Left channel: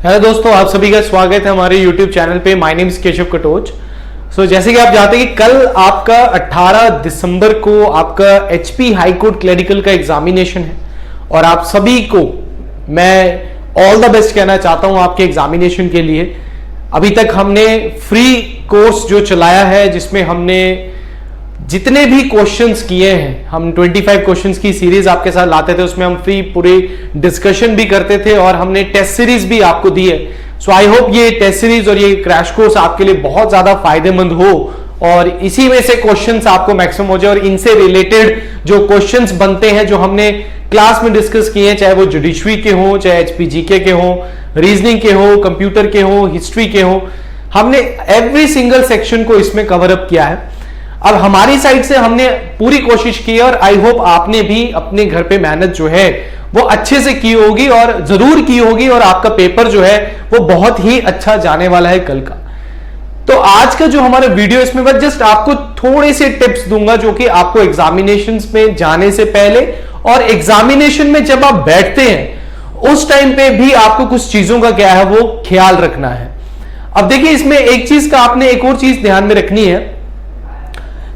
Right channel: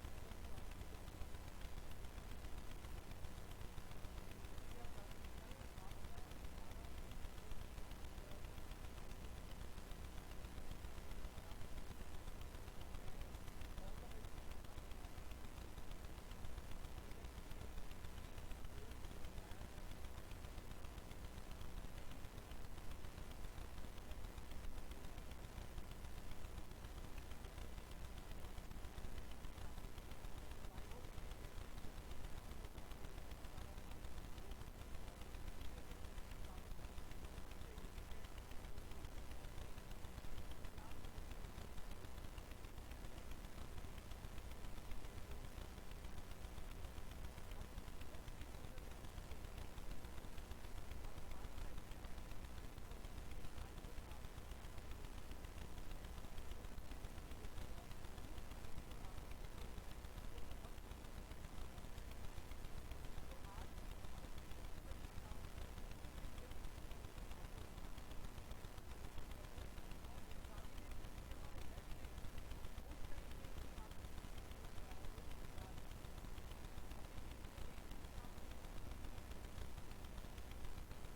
Hello दोस्तों, आप सभी का स्वागत है हमारे YouTube चैनल पे। My name is Keshav Katoch. जैसे कि आप जानते हैं कि कल आपका 18 दिसंबर को आपका HP हाई कोर्ट क्लरिकल का एग्जामिनेशन है और आप सभी को मैं ऑल द बेस्ट कहना चाहता हूं आपके एग्जामिनेशन के लिए। अभी तक हमने फ्री कोर्स जो चलाया है जिसमें हमने जितने भी क्वेश्चंस किए हैं, हम 25 क्वेश्चंस की सीरीज आपके साथ लाते थे, उसमें हम फ्री पूरी डिस्कशन भी करते थे और हमने टेस्ट सीरीज भी आपको दी है। सो आई होप ये टेस्ट सीरीज और ये क्रैश कोर्स आपके लिए बहुत ज्यादा फायदेमंद हो और इसी में से क्वेश्चंस आपको मैक्सिमम हो जाए और इनसे रिलेटेड जो क्वेश्चंस बनते हैं जो हमने क्लास में डिस्कस किए हैं, चाहे वो जुडिशरी के हो, चाहे HPGK के हो, रीजनिंग के हो, कंप्यूटर के हो, हिस्ट्री के हो, हमने एवरी सिंगल सेक्शन को इसमें कवर अप किया है। अब हमारी साइड से हमने पूरी कोशिश की और आई होप आपने भी अपने घर पे मेहनत जो है वो अच्छे से की होगी और जरूर की होगी और आपका पेपर जो है वो बहुत ही अच्छा जाने वाला है कल का। तो आज का जो हमारा वीडियो, इसमें मैं जस्ट आपको थोड़े से टिप्स दूंगा जो कि आपको एग्जामिनेशन में जाने से पहले और एग्जामिनेशन में जब आप बैठते हैं उस टाइम पे भी आपको कुछ चीजों का क्या है वो ख्याल रखना है। अब देखिए, इसमें एक चीज का आपने एक और चीज ध्यान में रखनी है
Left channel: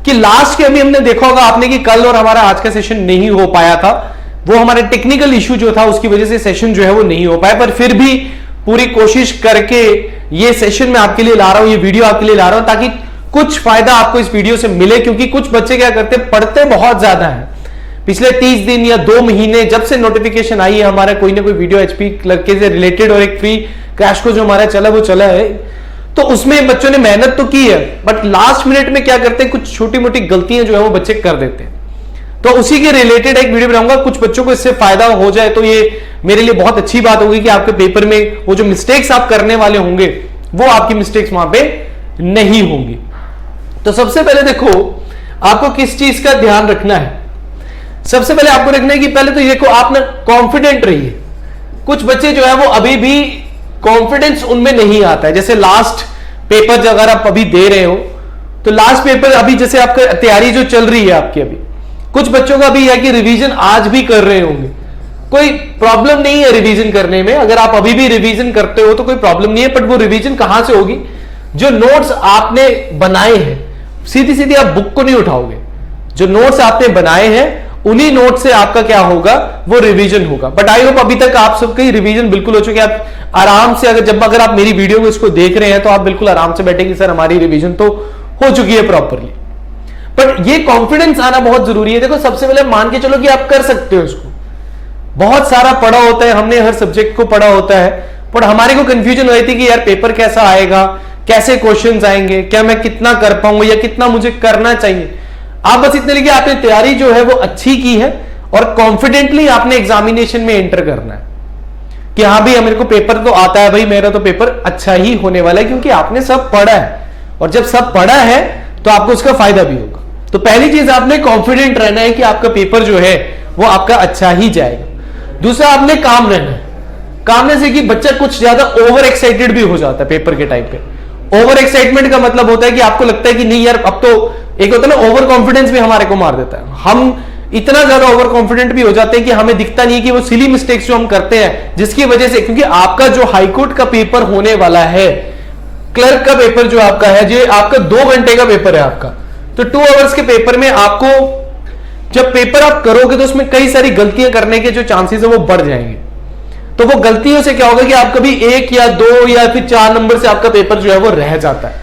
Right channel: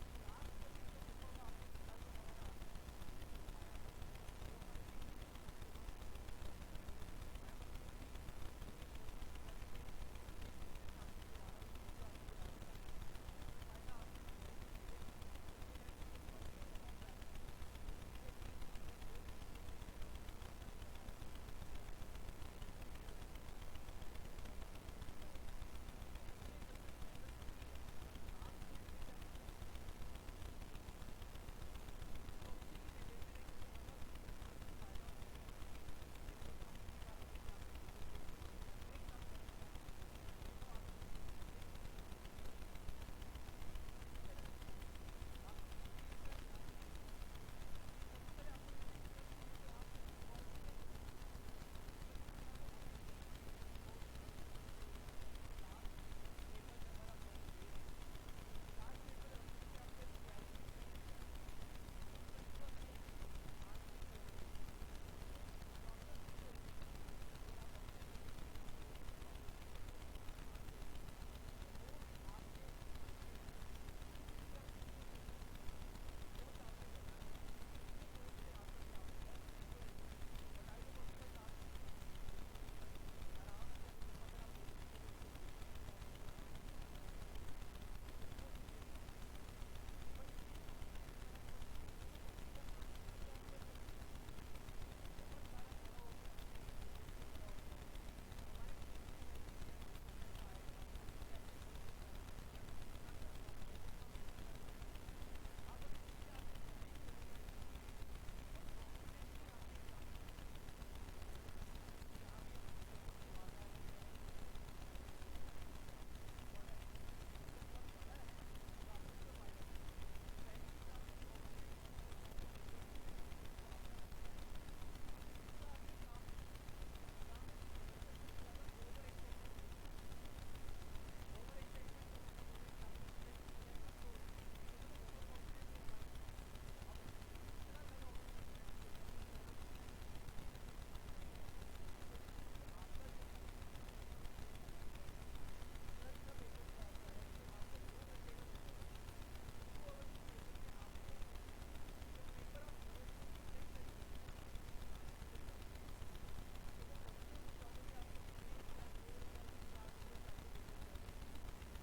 कि लास्ट के अभी हमने देखा होगा आपने कि कल और हमारा आज का सेशन नहीं हो पाया था, वो हमारे टेक्निकल इशू जो था उसकी वजह से सेशन जो है वो नहीं हो पाया, पर फिर भी पूरी कोशिश करके ये सेशन मैं आपके लिए ला रहा हूं, ये वीडियो आपके लिए ला रहा हूं ताकि कुछ फायदा आपको इस वीडियो से मिले। क्योंकि कुछ बच्चे क्या करते हैं, पढ़ते बहुत ज्यादा है, पिछले 30 दिन या 2 महीने जब से नोटिफिकेशन आई है हमारा कोई ना कोई वीडियो HP क्लर्क से रिलेटेड और एक फ्री क्रैश कोर्स जो हमारा चला वो चला है, तो उसमें बच्चों ने मेहनत तो की है बट लास्ट मिनट में क्या करते हैं, कुछ छोटी मोटी गलतियां जो है वो बच्चे कर देते हैं। तो उसी के रिलेटेड एक वीडियो बनाऊंगा, कुछ बच्चों को इससे फायदा हो जाए तो ये मेरे लिए बहुत अच्छी बात होगी कि आपके पेपर में वो जो मिस्टेक्स आप करने वाले होंगे वो आपकी मिस्टेक्स वहां पे नहीं होंगी। तो सबसे पहले देखो, आपको किस चीज का ध्यान रखना है। सबसे पहले आपको रखना है कि पहले तो देखो आप ना कॉन्फिडेंट रहिए। कुछ बच्चे जो है वो अभी भी कॉन्फिडेंस उनमें नहीं आता है। जैसे लास्ट पेपर अगर आप अभी दे रहे हो तो लास्ट पेपर अभी जैसे आपका तैयारी जो चल रही है आपकी, अभी कुछ बच्चों का भी है कि रिवीजन आज भी कर रहे होंगे, कोई प्रॉब्लम नहीं है रिवीजन करने में। अगर आप अभी भी रिवीजन करते हो तो कोई प्रॉब्लम नहीं है, बट वो रिवीजन कहां से होगी, जो नोट्स आपने बनाए हैं सीधी सीधी आप बुक को नहीं उठाओगे, जो नोट्स आपने बनाए हैं उन्हीं नोट से आपका क्या होगा वो रिवीजन होगा। बट आई होप अभी तक आप सबकी रिवीजन बिल्कुल हो चुकी है। आप आराम से अगर आप मेरी वीडियो को इसको देख रहे हैं तो आप बिल्कुल आराम से बैठेंगे, सर हमारी रिवीजन तो हो चुकी है प्रॉपरली। पर ये कॉन्फिडेंस आना बहुत जरूरी है। देखो, सबसे पहले मान के चलो कि आप कर सकते हो इसको। बहुत सारा पढ़ा होता है, हमने हर सब्जेक्ट को पढ़ा होता है, पर हमारे को कंफ्यूजन हो रही थी कि यार पेपर कैसा आएगा, कैसे क्वेश्चंस आएंगे, क्या मैं कितना कर पाऊंगा या कितना मुझे करना चाहिए। आप बस इतने लिखिए, आपने तैयारी जो है वो अच्छी की है और कॉन्फिडेंटली आपने एग्जामिनेशन में एंटर करना है कि हाँ भाई मेरे को पेपर तो आता है, भाई मेरा तो पेपर अच्छा ही होने वाला है क्योंकि आपने सब पढ़ा है। और जब सब पढ़ा है तो आपको उसका फायदा भी होगा। तो पहली चीज आपने कॉन्फिडेंट रहना है कि आपका पेपर जो है वो आपका अच्छा ही जाएगा। दूसरा, आपने काम रहना है। काम रहने से कि बच्चा कुछ ज्यादा ओवर एक्साइटेड भी हो जाता है पेपर के टाइम पे। ओवर एक्साइटमेंट का मतलब होता है कि आपको लगता है कि नहीं यार, अब तो एक होता है ना ओवर कॉन्फिडेंस भी हमारे को मार देता है। हम इतना ज्यादा ओवर कॉन्फिडेंट भी हो जाते हैं कि हमें दिखता नहीं कि वो सिली मिस्टेक्स जो हम करते हैं जिसकी वजह से, क्योंकि आपका जो हाईकोर्ट का पेपर होने वाला है, क्लर्क का पेपर जो आपका है, जो आपका 2 घंटे का पेपर है आपका, तो 2 आवर्स के पेपर में आपको जब पेपर आप करोगे तो उसमें कई सारी गलतियां करने के जो चांसेस है वो बढ़ जाएंगे। तो वो गलतियों से क्या होगा कि आप कभी 1 या 2 या फिर 4 नंबर से आपका पेपर जो है वो रह जाता है।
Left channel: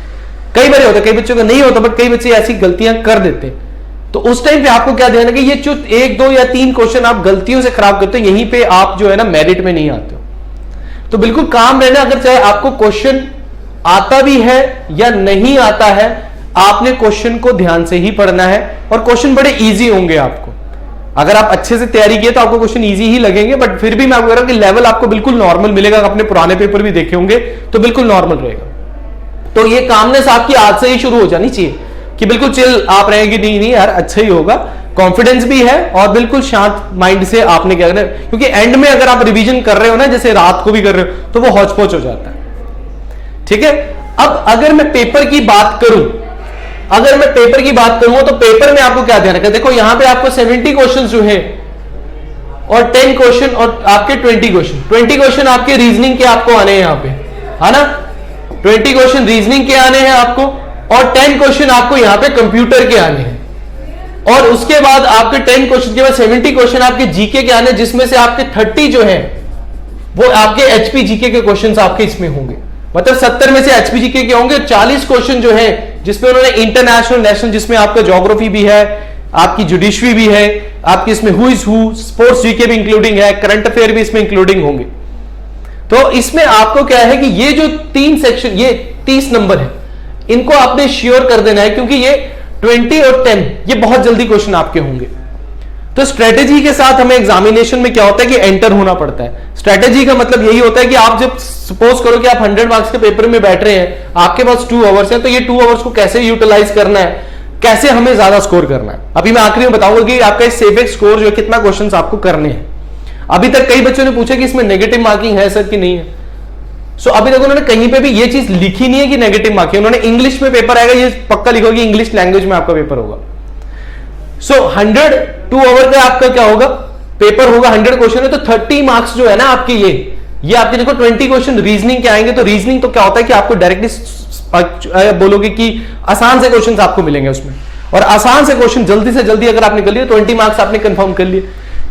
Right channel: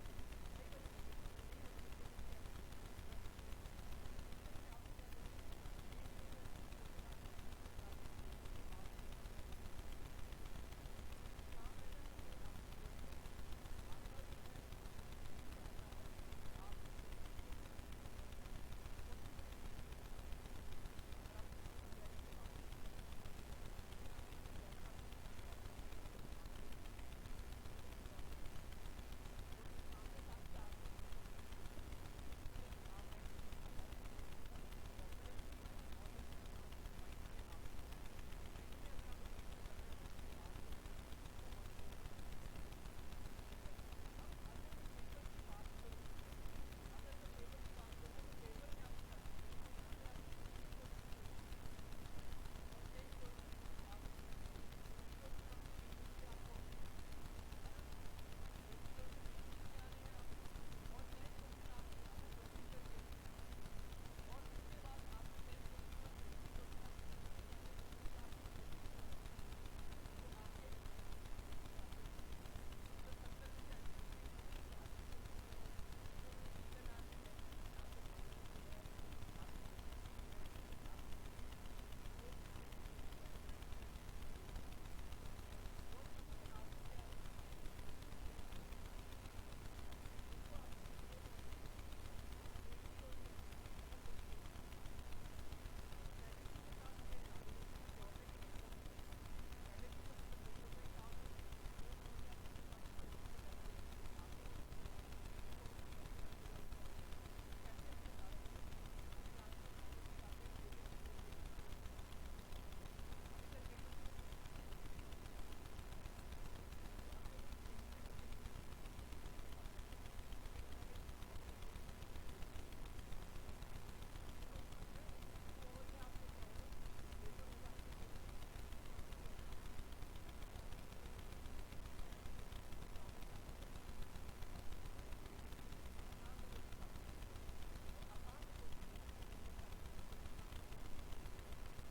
कई बार होता है, कई बच्चों का नहीं होता, बट कई बच्चे ऐसी गलतियां कर देते हैं। तो उस टाइम पे आपको क्या ध्यान है कि ये जो 1, 2 या 3 क्वेश्चन आप गलतियों से खराब करते हो, यहीं पे आप जो है ना मेरिट में नहीं आते हो। तो बिल्कुल काम रहना, अगर चाहे आपको क्वेश्चन आता भी है या नहीं आता है, आपने क्वेश्चन को ध्यान से ही पढ़ना है और क्वेश्चन बड़े इजी होंगे आपको। अगर आप अच्छे से तैयारी किए तो आपको क्वेश्चन इजी ही लगेंगे, बट फिर भी मैं आपको कह रहा हूं कि लेवल आपको बिल्कुल नॉर्मल मिलेगा। अपने पुराने पेपर भी देखे होंगे तो बिल्कुल नॉर्मल रहेगा। तो ये कामनेस आपकी आज से ही शुरू हो जानी चाहिए कि बिल्कुल चिल आप रहेंगे, नहीं नहीं यार अच्छा ही होगा, कॉन्फिडेंस भी है और बिल्कुल शांत माइंड से आपने क्या करना है। क्योंकि एंड में अगर आप रिवीजन कर रहे हो ना, जैसे रात को भी कर रहे हो, तो वो हौच पौच हो जाता है। ठीक है, अब अगर मैं पेपर की बात करूं तो पेपर में आपको क्या ध्यान रखना है। देखो यहां पे आपको 70 क्वेश्चन जो है और 10 क्वेश्चन और आपके 20 क्वेश्चन। 20 क्वेश्चन आपके रीजनिंग के आपको आने हैं यहाँ पे, है ना, 20 क्वेश्चन रीजनिंग के आने हैं आपको, और 10 क्वेश्चन आपको यहाँ पे कंप्यूटर के आने हैं। और उसके बाद आपके 10 क्वेश्चन के बाद 70 क्वेश्चन आपके जीके के आने, जिसमें से आपके 30 जो है वो आपके एचपी जीके के क्वेश्चंस आपके इसमें होंगे। मतलब 70 में से एचपी जीके के होंगे। 40 क्वेश्चन जो है जिसमें उन्होंने इंटरनेशनल, नेशनल, जिसमें आपका ज्योग्राफी भी है, आपकी जुडिशरी भी है, आपकी इसमें who is who, sports GK भी इंक्लूडिंग है, करंट अफेयर भी इसमें इंक्लूडिंग होंगे। तो इसमें आपको क्या है कि ये जो 3 सेक्शन, ये 30 नंबर है, इनको आपने श्योर कर देना है, क्योंकि ये 20 और 10 ये बहुत जल्दी क्वेश्चन आपके होंगे। तो स्ट्रेटेजी के साथ हमें एग्जामिनेशन में क्या होता है कि एंटर होना पड़ता है। स्ट्रेटेजी का मतलब यही होता है कि आप जब सपोज करो कि आप 100 मार्क्स के पेपर में बैठ रहे हैं, आपके पास 2 आवर्स हैं, तो ये 2 आवर्स को कैसे यूटिलाइज करना है, कैसे हमें ज्यादा स्कोर करना है। अभी मैं आखिरी में बताऊंगा कि आपका सेफेक्स स्कोर जो है कितना क्वेश्चंस आपको करने हैं। अभी तक कई बच्चों ने पूछा कि इसमें नेगेटिव मार्किंग है सर कि नहीं है। सो अभी तक उन्होंने कहीं पे भी ये चीज लिखी नहीं है कि नेगेटिव मार्किंग। उन्होंने इंग्लिश में पेपर आएगा, ये पक्का लिखो कि इंग्लिश लैंग्वेज में आपका पेपर होगा। सो 102 आवर का आपका क्या होगा, पेपर होगा, 100 क्वेश्चन है, तो 30 मार्क्स जो है ना आपके, ये आपके देखो 20 क्वेश्चन रीजनिंग के आएंगे। तो रीजनिंग तो क्या होता है कि आपको डायरेक्टली बोलोगे कि आसान से क्वेश्चन आपको मिलेंगे उसमें, और आसान से क्वेश्चन जल्दी से जल्दी अगर आपने कर लिए 20 मार्क्स आपने कंफर्म कर लिए।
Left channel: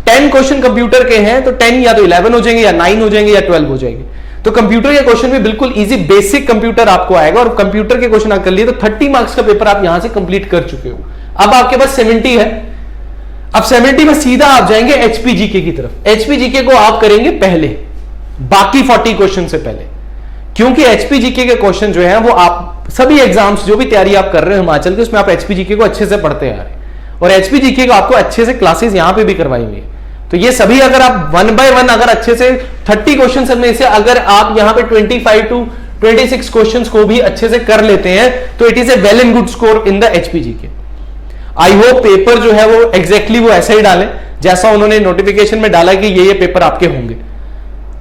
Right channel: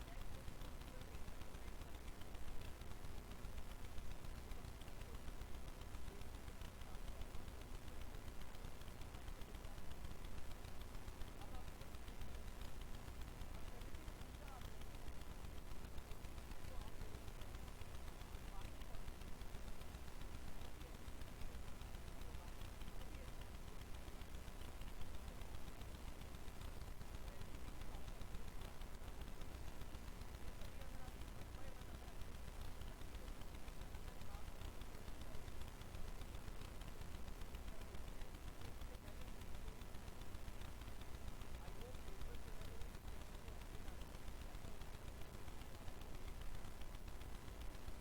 10 क्वेश्चन कंप्यूटर के हैं, तो 10 या तो 11 हो जाएंगे, या 9 हो जाएंगे, या 12 हो जाएंगे। तो कंप्यूटर के क्वेश्चन भी बिल्कुल इजी बेसिक कंप्यूटर आपको आएगा, और कंप्यूटर के क्वेश्चन आप कर लिए तो 30 मार्क्स का पेपर आप यहां से कंप्लीट कर चुके हो। अब आपके पास 70 है। अब 70 में सीधा आप जाएंगे एचपीजीके की तरफ। एचपीजीके को आप करेंगे पहले, बाकी 40 क्वेश्चन से पहले, क्योंकि एचपीजीके के क्वेश्चन जो है वो आप सभी एग्जाम्स जो भी तैयारी आप कर रहे हो हिमाचल के, उसमें आप एचपीजीके को अच्छे से पढ़ते आ रहे हैं, और एचपीजीके को आपको अच्छे से क्लासेस यहां पे भी करवाई हुई है। तो ये सभी अगर आप 1 बाय 1 अगर अच्छे से 30 क्वेश्चन में से अगर आप यहां पे 25 to 26 क्वेश्चंस को भी अच्छे से कर लेते हैं, तो it is a well and good score in the HPGK. I hope paper जो है वो एग्जैक्टली वो ऐसा ही डाले जैसा उन्होंने नोटिफिकेशन में डाला कि ये पेपर आपके होंगे।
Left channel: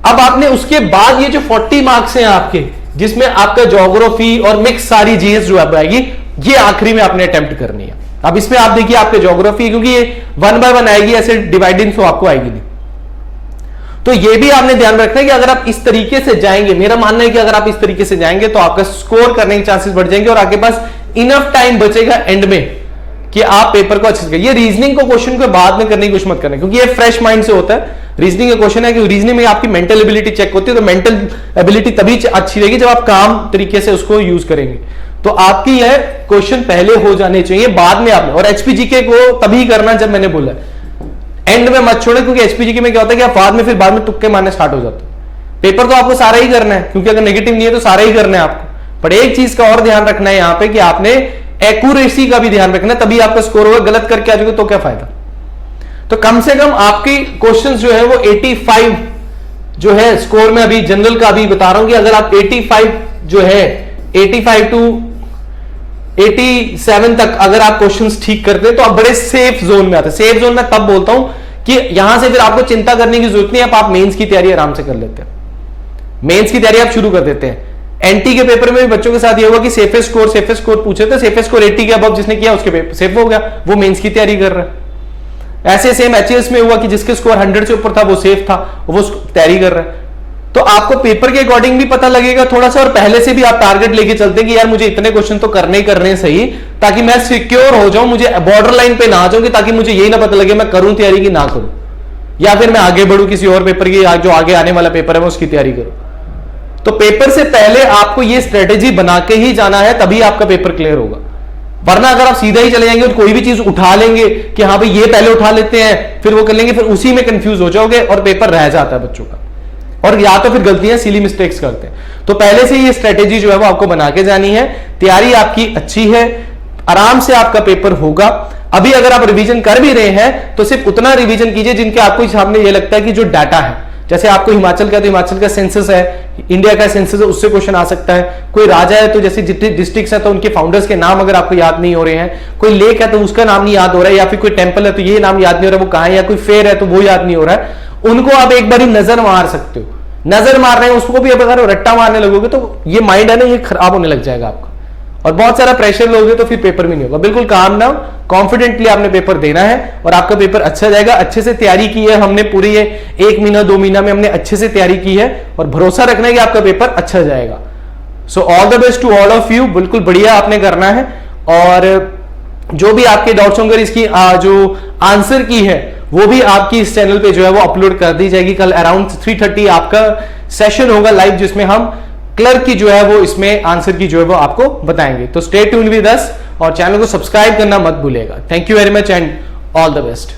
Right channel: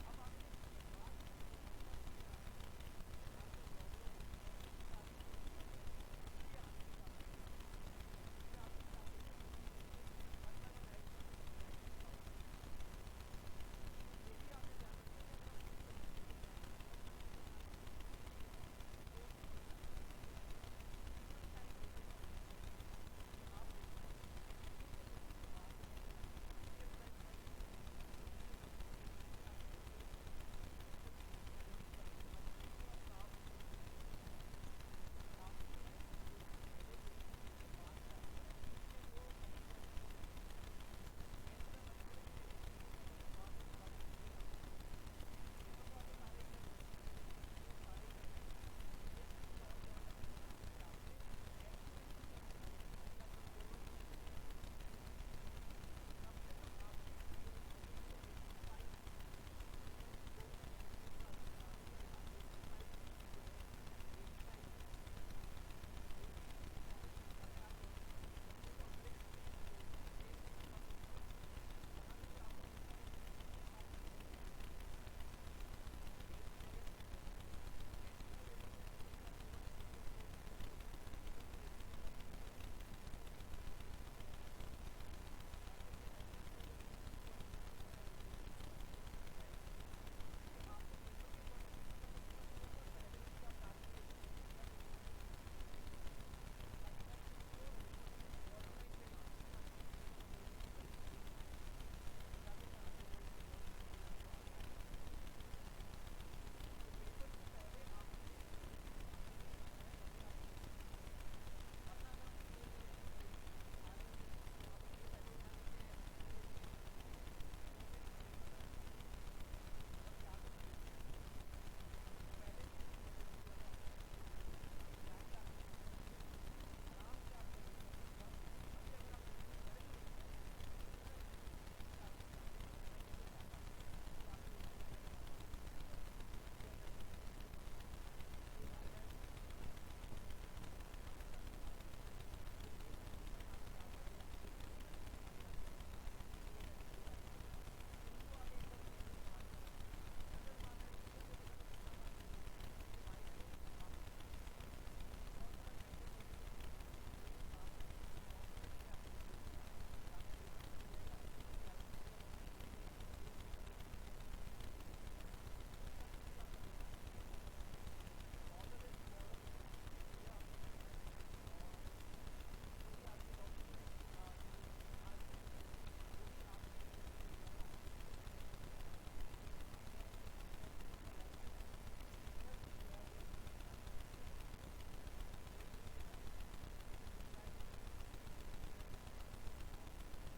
अब आपने उसके बाद ये जो 40 मार्क्स हैं आपके, जिसमें आपका ज्योग्राफी और मिक्स सारी जीएस जो आप आएगी, ये आखिरी में आपने अटेम्प्ट करनी है। अब इसमें आप देखिए आपके ज्योग्राफी, क्योंकि ये 1 बाय 1 आएगी, ऐसे डिवाइडिंग तो आपको आएगी नहीं। तो ये भी आपने ध्यान रखना है कि अगर आप इस तरीके से जाएंगे, मेरा मानना है कि अगर आप इस तरीके से जाएंगे तो आपका स्कोर करने के चांसेस बढ़ जाएंगे, और आपके पास इनफ टाइम बचेगा एंड में कि आप पेपर को अच्छे से करिए। ये रीजनिंग को क्वेश्चन को बाद में करने की कोशिश मत करना, क्योंकि ये फ्रेश माइंड से होता है। रीजनिंग का क्वेश्चन है कि रीजनिंग में आपकी मेंटल एबिलिटी चेक होती है, तो मेंटल एबिलिटी तभी अच्छी रहेगी जब आप काम तरीके से उसको यूज करेंगे। तो आपकी यह क्वेश्चन पहले हो जाने चाहिए, बाद में आपने, और एचपीजीके को तभी करना जब मैंने बोला एंड में मत छोड़े, क्योंकि एचपीजीके में क्या होता है कि आप बाद में तुक्के मारने स्टार्ट हो जाते हैं। पेपर तो आपको सारा ही करना है, क्योंकि अगर नेगेटिव नहीं है तो सारा ही करना है आपको। पर एक चीज का और ध्यान रखना है यहाँ पे कि आपने एक्यूरेसी का भी ध्यान रखना है, तभी आपका स्कोर होगा। गलत करके आ जाओगे तो क्या फायदा। तो कम से कम आपकी क्वेश्चंस जो है वो 85 जो है स्कोर में, अभी जनरल का अभी बता रहा हूं कि अगर आप 85 जो है 85 to 87 तक अगर आप क्वेश्चंस ठीक करते हैं तो आप बड़े सेफ जोन में आते हैं। सेफ जोन में तब बोलता हूं कि यहां से फिर आपको चिंता करने की जरूरत नहीं है, आप मेंस की तैयारी आराम से कर लेते हैं। मेंस की तैयारी आप शुरू कर देते हैं। एनटी के पेपर में भी बच्चों के साथ ये हुआ कि सेफेस्ट स्कोर पूछे थे, सेफेस्ट स्कोर 80 के अबव जिसने किया उसके पेपर सेफ हो गया, वो मेंस की तैयारी कर रहा है। ऐसे सेम एचएस में हुआ कि जिसके स्कोर 100 से ऊपर था वो सेफ था, वो तैयारी कर रहा है। तो आपको पेपर के अकॉर्डिंग भी पता लगेगा थोड़ा सा, और पहले से भी आप टारगेट लेके चलते हैं कि यार मुझे इतने क्वेश्चन तो करने ही करने सही, ताकि मैं सिक्योर हो जाऊं, मुझे बॉर्डर लाइन पे ना आ जाऊंगी, ताकि मुझे यही ना पता लगे मैं करूं तैयारी की ना करूं, या फिर मैं आगे बढ़ूं किसी और पेपर की, जो आगे आने वाला पेपर है मैं उसकी तैयारी करूं। तो पेपर से पहले आपको ये स्ट्रेटेजी बना के ही जाना है, तभी आपका पेपर क्लियर होगा। वरना अगर आप सीधा ही चले जाएंगे और कोई भी चीज उठा लेंगे कि हाँ भाई ये पहले उठा लेते हैं फिर वो कर लेंगे, फिर उसी में कंफ्यूज हो जाओगे और पेपर रह जाता है बच्चों का, और या तो फिर गलतियां सिली मिस्टेक्स करते हैं। तो पहले से ये स्ट्रेटेजी जो है वो आपको बना के जानी है। तैयारी आपकी अच्छी है, आराम से आपका पेपर होगा। अभी अगर आप रिवीजन कर भी रहे हैं तो सिर्फ उतना रिवीजन कीजिए जिनके आपको सामने ये लगता है कि जो डाटा है, जैसे आपको हिमाचल का तो हिमाचल का सेंसस है, इंडिया का सेंसस है, उससे क्वेश्चन आ सकता है। कोई राजा है तो जैसे जितने डिस्ट्रिक्ट्स है तो उनके फाउंडर्स के नाम अगर आपको याद नहीं हो रहे हैं, कोई लेक है तो उसका नाम नहीं याद हो रहा है, या फिर कोई टेंपल है तो ये नाम याद नहीं हो रहा है वो कहां है, या कोई फेयर है तो वो याद नहीं हो रहा है, उनको आप एक बार नजर मार सकते हो। नजर मार रहे हैं उसको भी अगर रट्टा मारने लगोगे तो ये माइंड है ना, ये खराब होने लग जाएगा आपका, और बहुत सारा प्रेशर लोगे तो फिर पेपर में नहीं होगा। बिल्कुल काम डाउन, कॉन्फिडेंटली आपने पेपर देना है और आपका पेपर अच्छा जाएगा। अच्छे से तैयारी की है हमने, पूरी ये 1 महीना 2 महीना में हमने अच्छे से तैयारी की है और भरोसा रखना है कि आपका पेपर अच्छा जाएगा। So all the best to all of you. बिल्कुल बढ़िया आपने करना है और जो भी आपके डाउट्स होंगे इसकी जो आंसर की है वो भी आपकी इस चैनल पे जो है वो अपलोड कर दी जाएगी। कल अराउंड 3:30 आपका सेशन होगा लाइव, जिसमें हम क्लर्क की जो है वो इसमें आंसर की जो है वो आपको बताएंगे। तो स्टे ट्यून्ड विद अस और चैनल को सब्सक्राइब करना मत भूलिएगा। Thank you very much and all the best.